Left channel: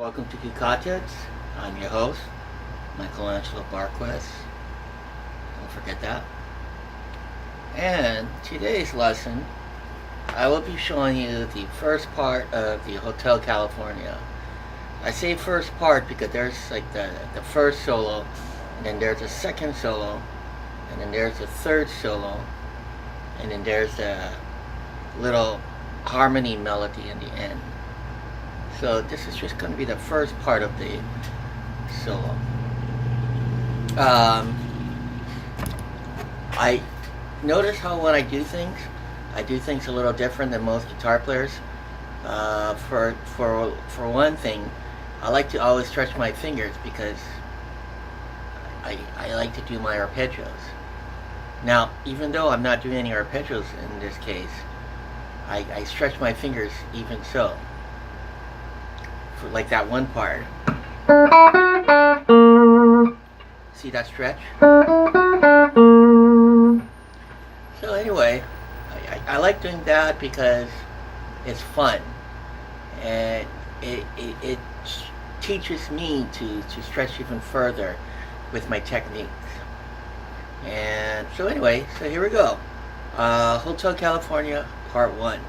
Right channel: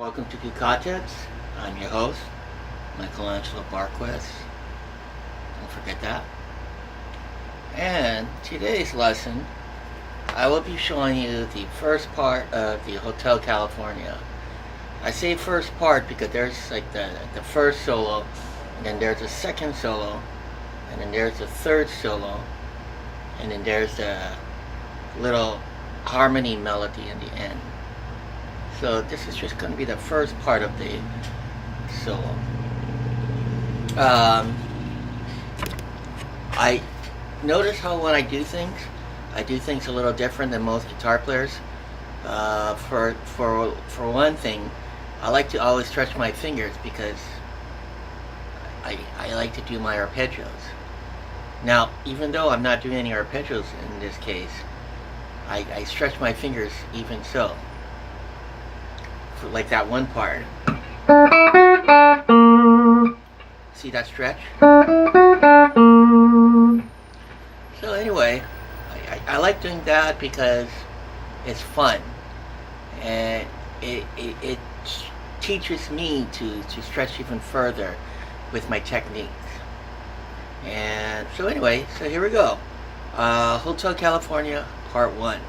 Welcome to Kika. I'm your host, Michelangelo Barques. Don't forget that. And today's lesson, I will be showing you the first part of the Hotel California. I say first part because there's like the first solo, and then there's a second solo, and then there's a third solo, and then there's a little harmony melody in the end. So this is just going to be the first part of the solo. I notice how when I do things a little different than most guitar players. For one thing, I like to always stretch my fingers because I like to do my arpeggios. Now, even though I'm not doing any arpeggios in this case, I stretch my fingers even so. For like that one part. See that stretch? So anyway, I like doing that because it's fun. And it teaches me to stretch even further with my techniques. And so anyway, so here we go. Hotel California, part 1.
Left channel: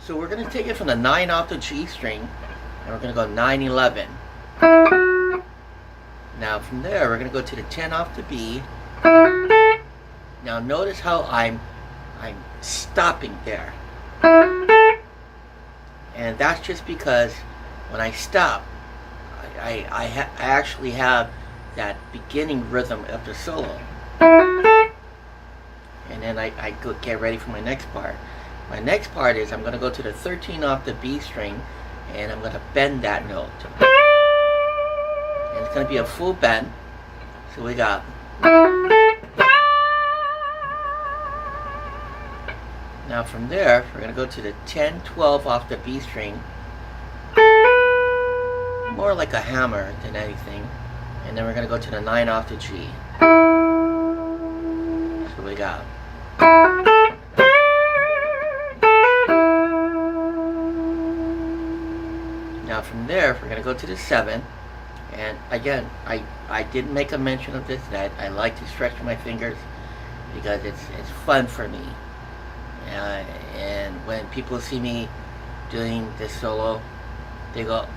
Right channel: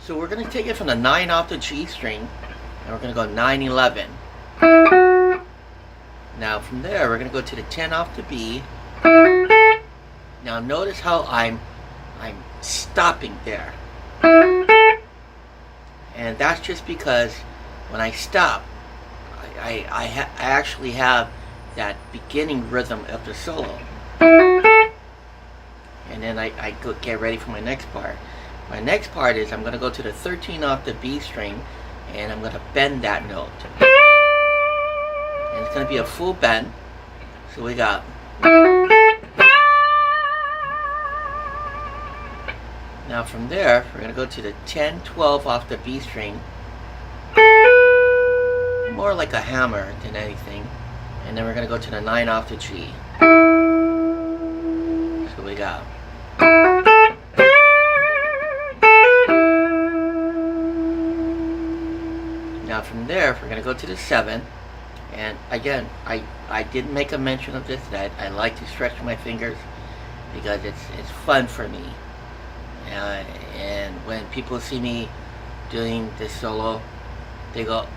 So we're going to take it from the 9 off the G string, and we're going to go 9-11. Now from there, we're going to go to the 10 off the B. Now notice how I'm stopping there. And that's just because when I stop, I actually have that beginning rhythm of the solo. And then I go get ready for my next part. My next part is I'm going to go to the 13 off the B string, and I'm going to bend that note. And it's going to be a full bend. So we got... Now from there, we're going to go to the 10, 12 off the B string. More like a hammer than anything. And then we're going to go to the 9 off the G. So we got... Now from there, we're going to go to the 7, and again, I didn't make a mention of this, that I like to stretch my fingers because it's fun for me. And when people see me doing this solo, they go,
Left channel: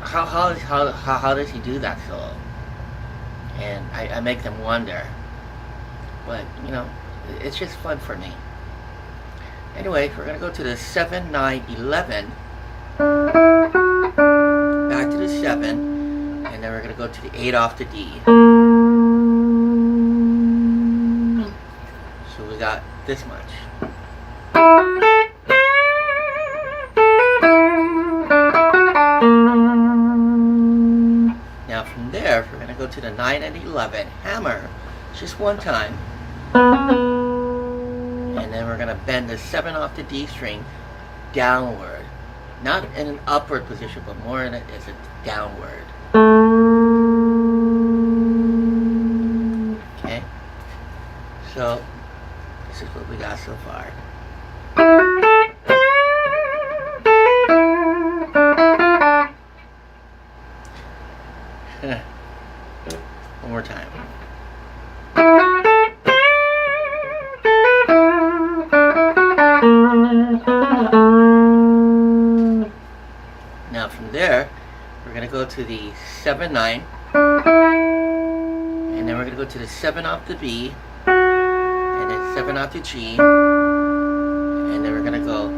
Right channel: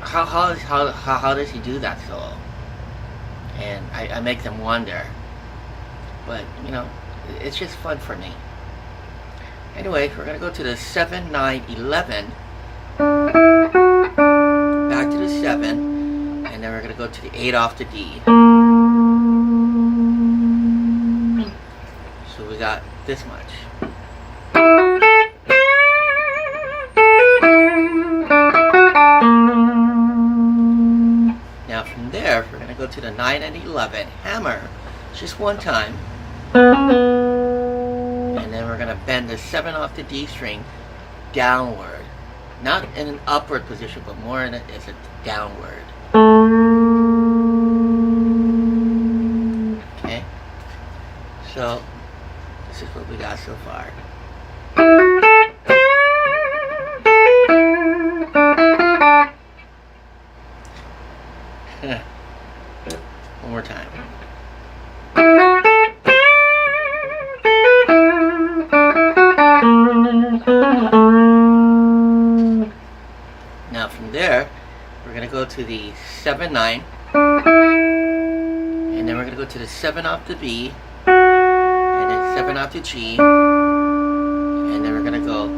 how does he do that solo? And I make them wonder. But, you know, it's just fun for me. Anyway, we're going to go to the 7, 9, 11. Back to the 7, and then we're going to go to the 8 off the D. So we got this much. Now from there, we're going to go to the 9 and 11, hammer, just one time. And then we're going to bend the 7 off the D string downward. Not in an upward position, but more in as a downward. Okay? So, this is what we got so far. One more time. Now from there, we're going to go to the 7, 9, and then we're going to go to the 7 off the B, and then 7 off the G, and then we're going to go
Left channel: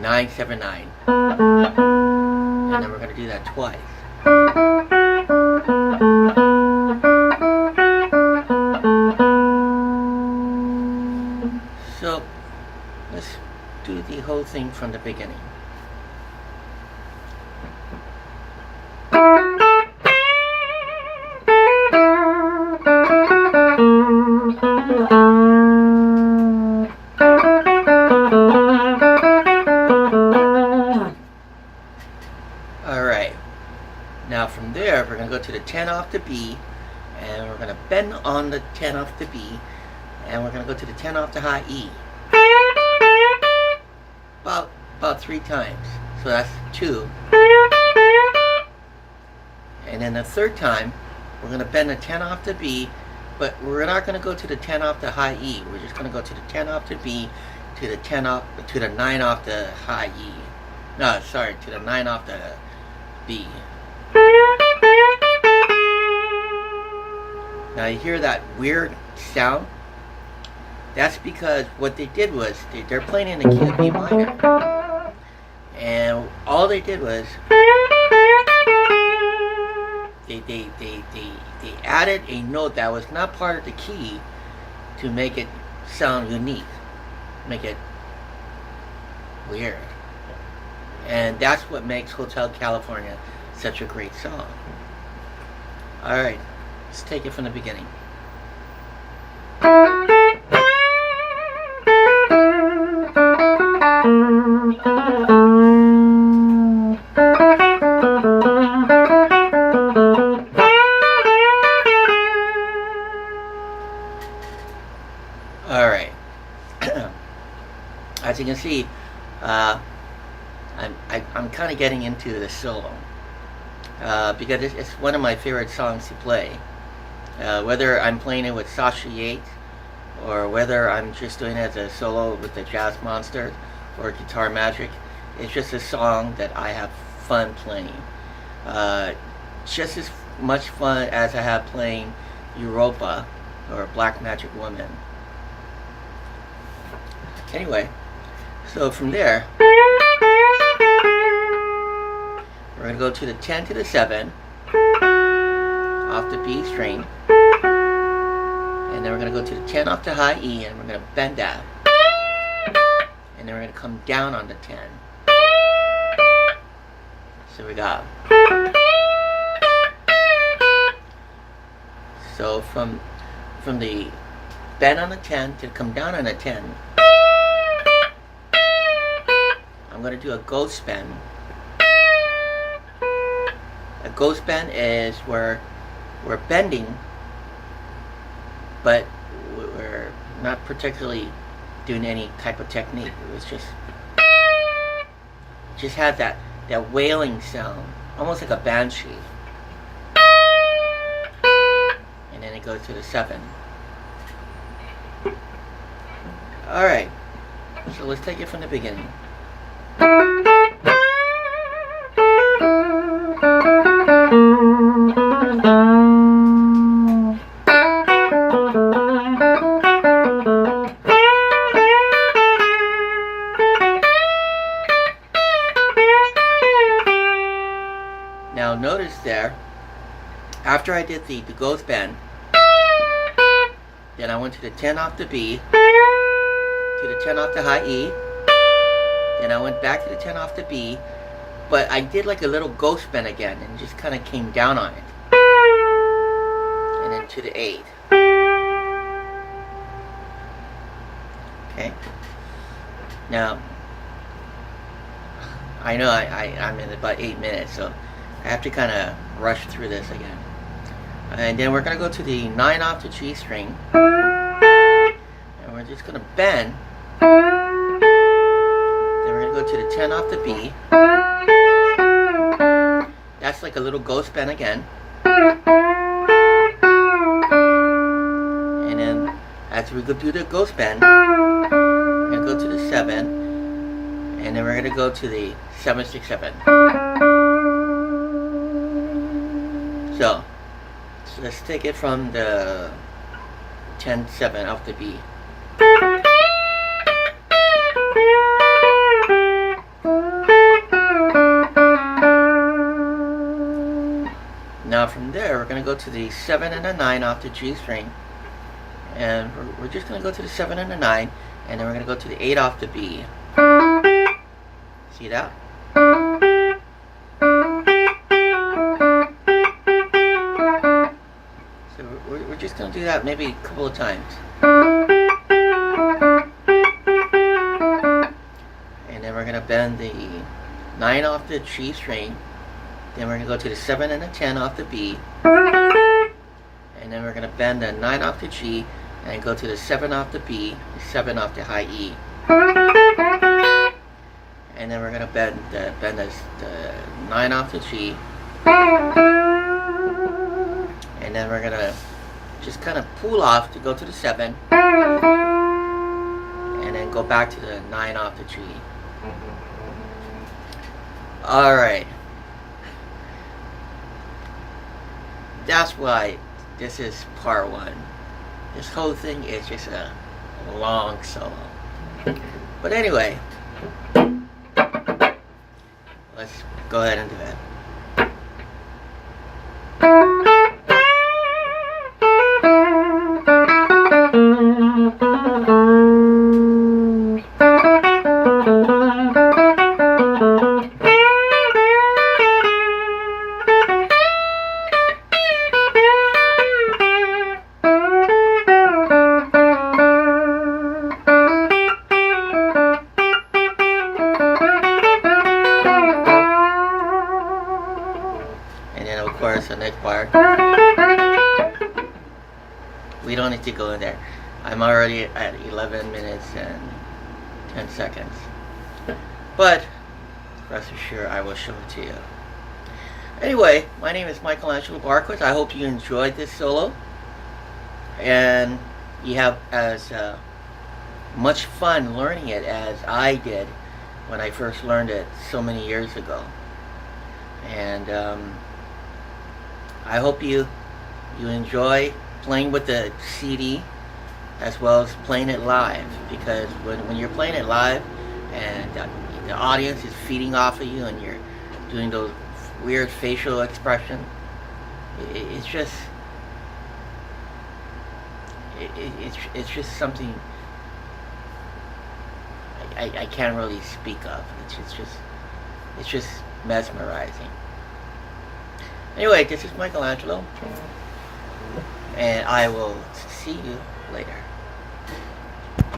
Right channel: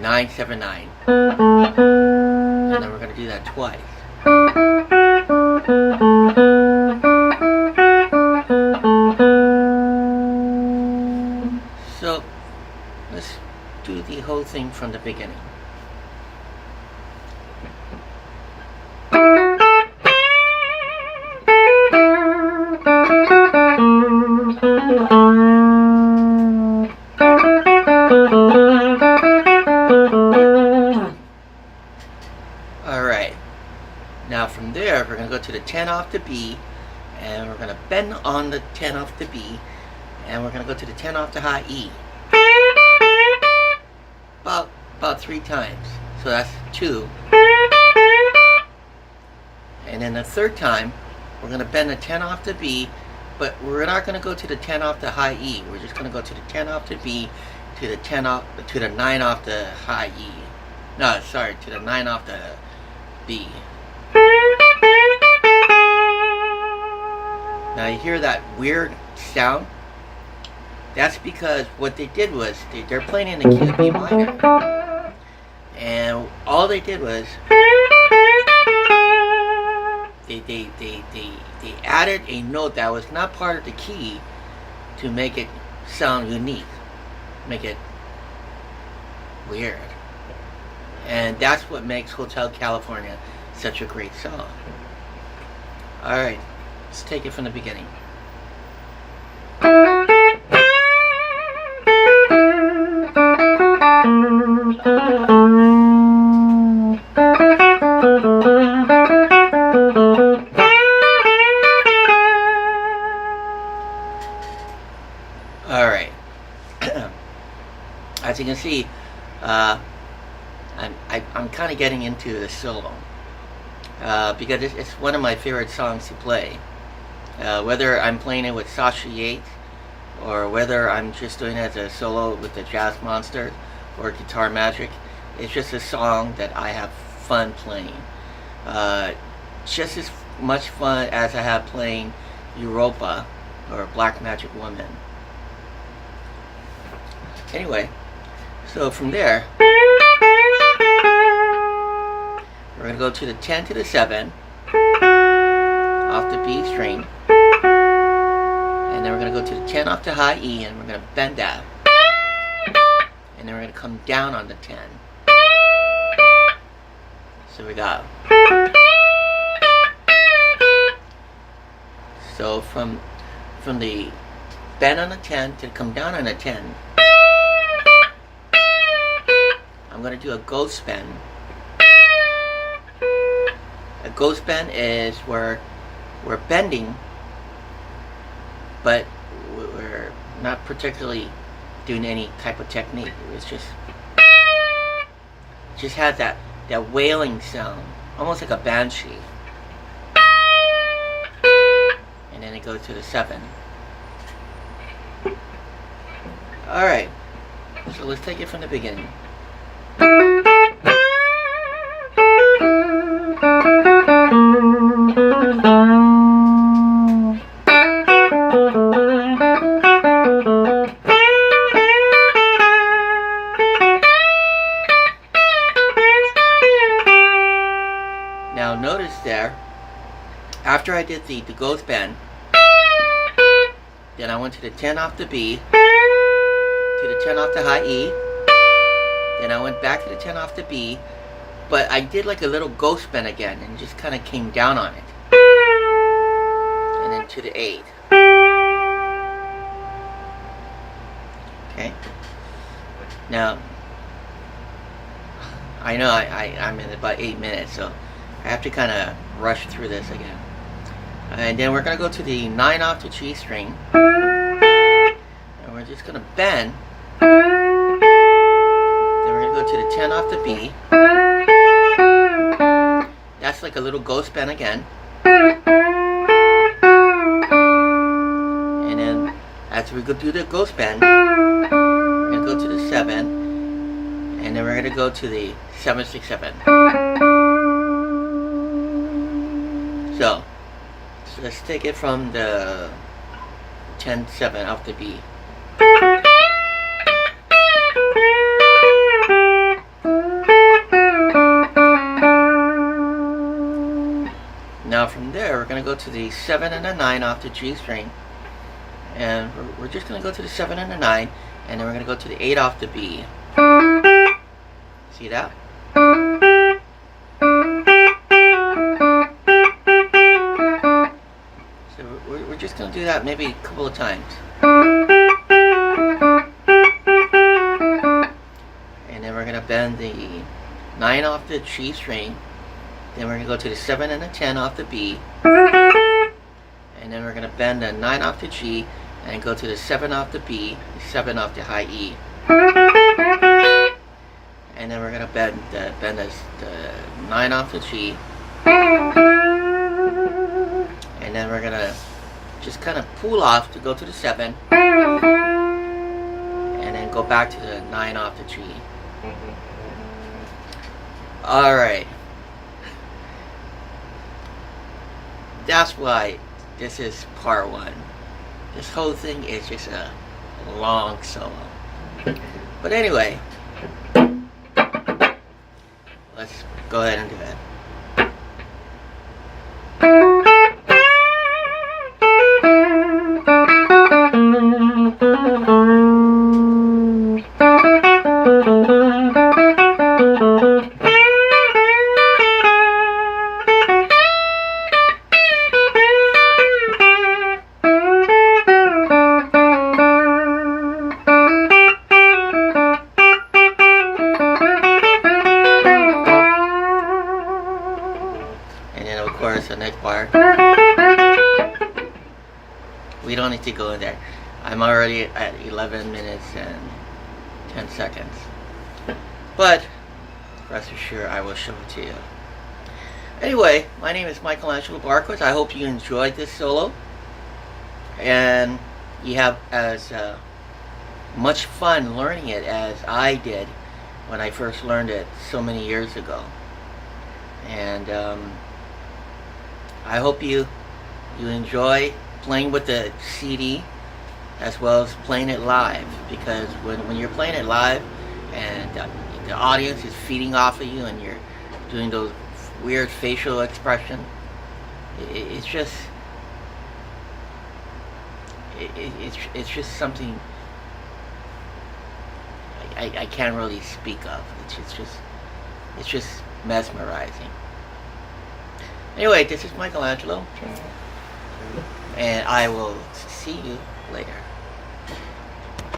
9, 7, 9, and then we're going to do that twice. So, let's do the whole thing from the beginning. Alright, now from there we're going to go to the 10 off the B, and we're going to bend on the 10 off the B, and we're going to go to the 10 off the high E. About 3 times. So that's 2. And then the third time, we're going to bend the 10 off the B, but we're not going to go to the 10 off the high E. We're just going to go to the 10 off the B, to the 9 off the high E. No, sorry, to the 9 off the B. Now you hear that weird sound? That's because what they did was they're playing in the key of B minor, and all they did was they added a note that was not part of the key to make it sound unique, make it weird. And that's what makes Hotel California such a great song. Alright, let's take it from the beginning. Alright. As you can see, I'm kind of getting into the solo because it's one of my favorite songs to play. Whether I'm playing it with Sasha Yates, or whether I'm just doing it as a solo with the Jazz Monsters or Guitar Magic, it's just a song that I have fun playing. Just as much fun as I have playing Europa or Black Magic Woman. Anyway, so from there, we're going to go to the 10 to the 7 off the B string, and then we're going to go to the 10 off the high E, and we're going to bend that, and then we're going to come down on the 10. So we got, so from the bend on the 10 to come down on the 10, I'm going to do a ghost bend. A ghost bend is where we're bending, but we're not particularly doing any type of technique. It was just had that wailing sound, almost like a banshee. And then it goes to the 7. Alright, so let's take it from the beginning. Now notice there, after I did the ghost bend, then I went to the 10 off the B, to the 10 off the high E, then I went back to the 10 off the B, but I did like a little ghost bend again and just kind of came down on it, and then to the 8. Okay, now I know I'm in about 8 minutes, so I have to kind of rush through this again. And then we're going to go to the 9 off the G string, and we're just going to bend. Then we're going to go to the 10 off the B. That's like a little ghost bend again. And then after we go through the ghost bend, we're going to go to the 7, and then we're going to go to the 7, 6, 7. So let's take it from the 10, 7 off the B. Now from there, we're going to go to the 7 and the 9 off the G string, and we're just going to go to the 7 and the 9, and then we're going to go to the 8 off the B. See that? So we're just going to do that maybe a couple of times. And then we're going to bend the 9 off the G string. Then we're going to go to the 7 and the 10 off the B. And then we're going to bend the 9 off the G and go to the 7 off the B, the 7 off the high E. and then we're gonna bend the 9 off the G, and then we're gonna just kind of pull off to go to the 7, and then go back to the 9 off the G. Alright. That's why this is part 1. This whole thing is just a long solo. But anyway, let's go ahead and do it. And then of course the next part, we don't need to go in there. I'm already at 11 minutes and 10 seconds. But rest assured I will show it to you. Anyway, my name is Michelangelo Barques. I hope you enjoyed this solo. And you have as much fun learning it as I did when I first learned it so many years ago. And I hope you enjoy playing with the CD as well as playing it live, because when you're playing it live and the audience is feeding off of you and you're doing those weird facial expressions, it's just something I can't really speak of. It's just mesmerizing. Anyway, this is Michelangelo, and I will see you later.